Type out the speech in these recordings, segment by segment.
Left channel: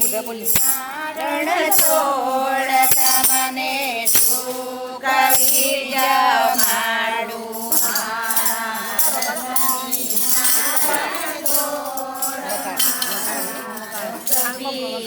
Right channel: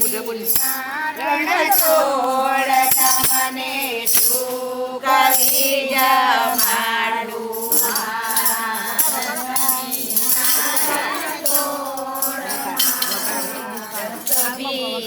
નારણ છોડ તમને શું કરી જમાડું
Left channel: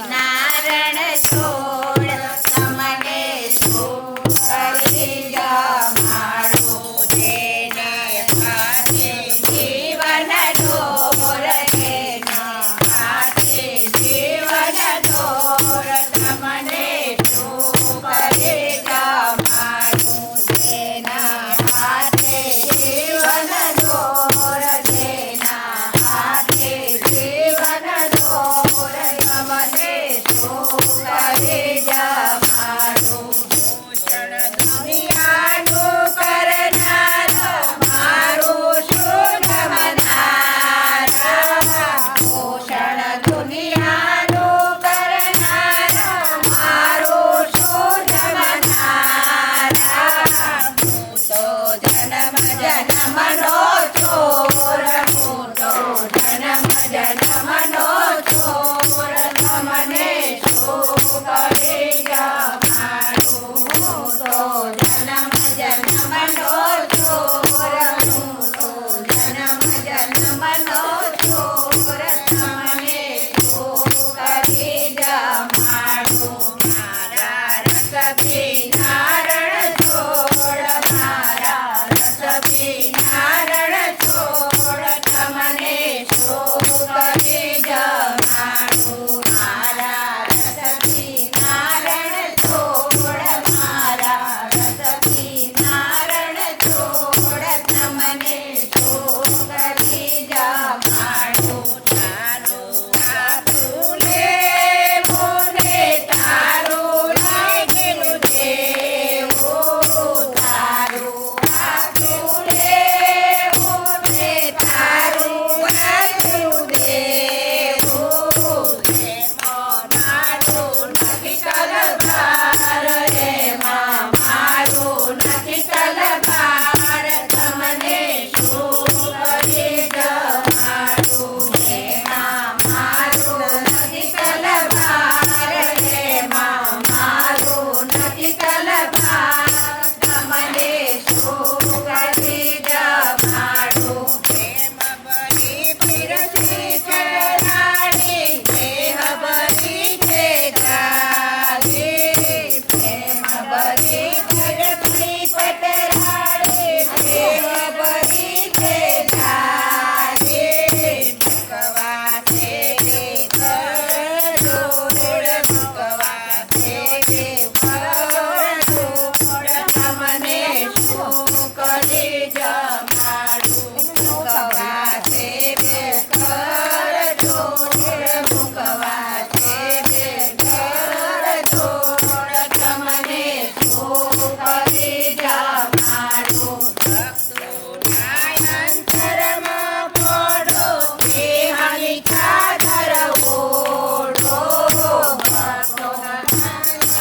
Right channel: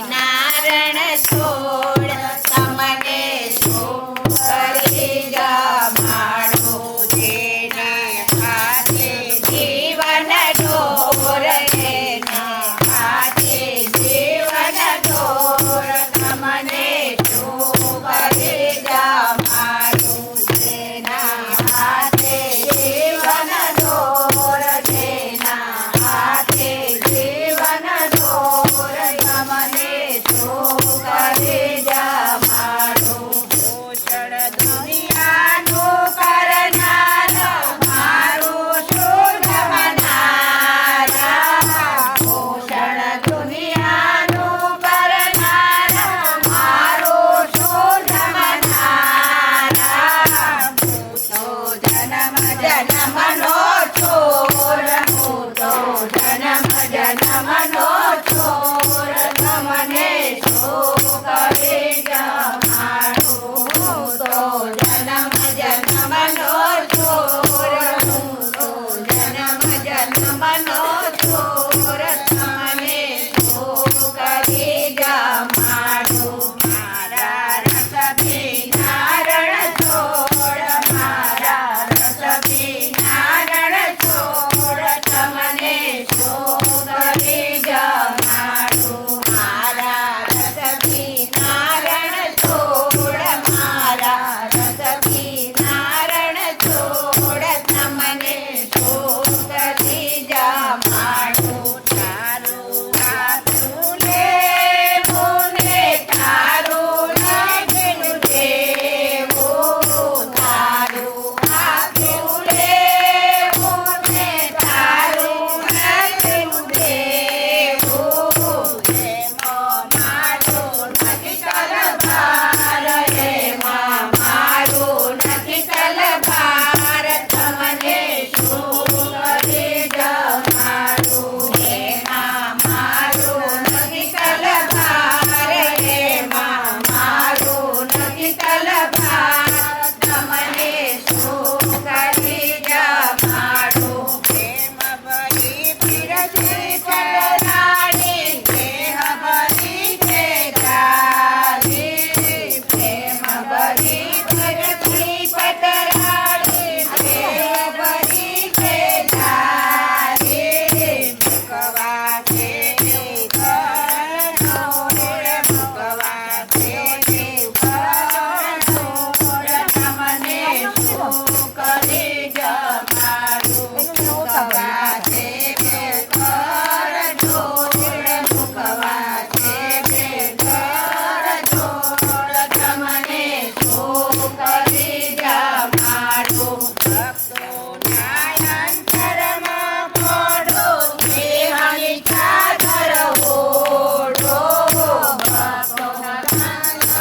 નારણ છોડ તમને શું કરી જમાડું જેને હાથે જીવન દોર એના હાથે જીવન દોર તમને શું કરી જમાડું જેના હાથે જીવન દોર જેના હાથે જીવન દોર તમને શું કરી જમાડું પોષણ દુનિયાનું કરનાર મારું શુદ્ધ મનારા પોષણ દુનિયાનું કરનાર મારું શુદ્ધ મનારા હું તો જન્મ જન્મનો ચોર હું તો જન્મ જન્મનો ચોર તમને શું કરી જમાડું હું તો જન્મ જન્મનો ચોર હું તો જન્મ જન્મનો ચોર તમને શું કરી જમાડું મારા રસથી નારણ છોડ મારા રસથી નારણ છોડ તમને શું કરી જમાડું મારા રસથી નારણ છોડ મારા રસથી નારણ છોડ તમને શું કરી જમાડું તારું હાથું લેવું ને તારું લાગેલું દેવું તારું હાથું લેવું ને તારું લાગેલું દેવું એમાં મારું નથી તલવાર એમાં મારું નથી તલવાર તમને શું કરી જમાડું એમાં મારું નથી તલવાર એમાં મારું નથી તલવાર તમને શું કરી જમાડું પ્રેમ ભરી પીરસી ચરાણી દેહ ભરી છે જાલી પ્રેમ ભરી પીરસી ચરાણી દેહ ભરી છે જાલી ભગવા છે ભગવા છે તમને શું કરી જમાડું મુકવા છે ઘર જોડ મુકવા છે ઘર જોડ તમને શું કરી જમાડું અંતરમાં પોડો દેહાલી ચાદર ઓઢો ભક્તોના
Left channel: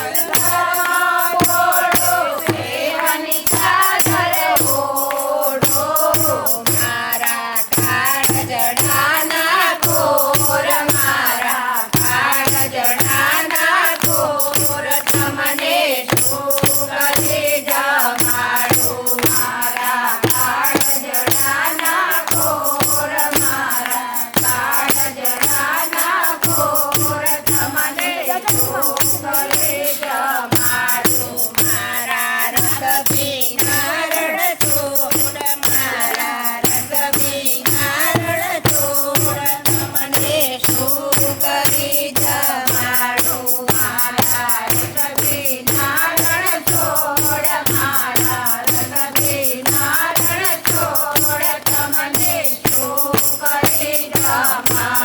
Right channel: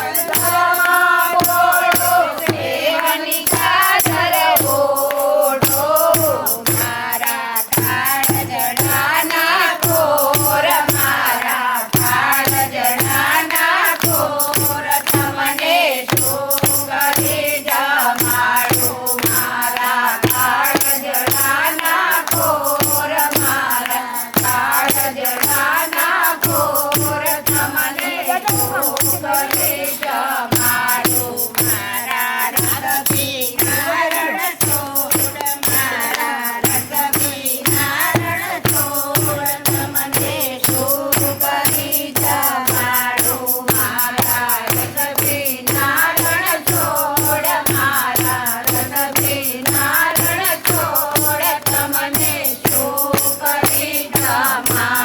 અંતરમાં પોડો દેહાલી ચાદર ઓઢો મારા કાળજડાના ઘોર મારા કાળજડાના ઘોર તમને શું કરી જમાડું મારા કાળજડાના ઘોર મારા કાળજડાના ઘોર તમને શું કરી જમાડું મારા રસથી નારણ છોડ મારા રસથી નારણ છોડ તમને શું કરી જમાડું મારા રસથી નારણ છોડ મારા રસથી નારણ છોડ તમને શું કરી જમાડું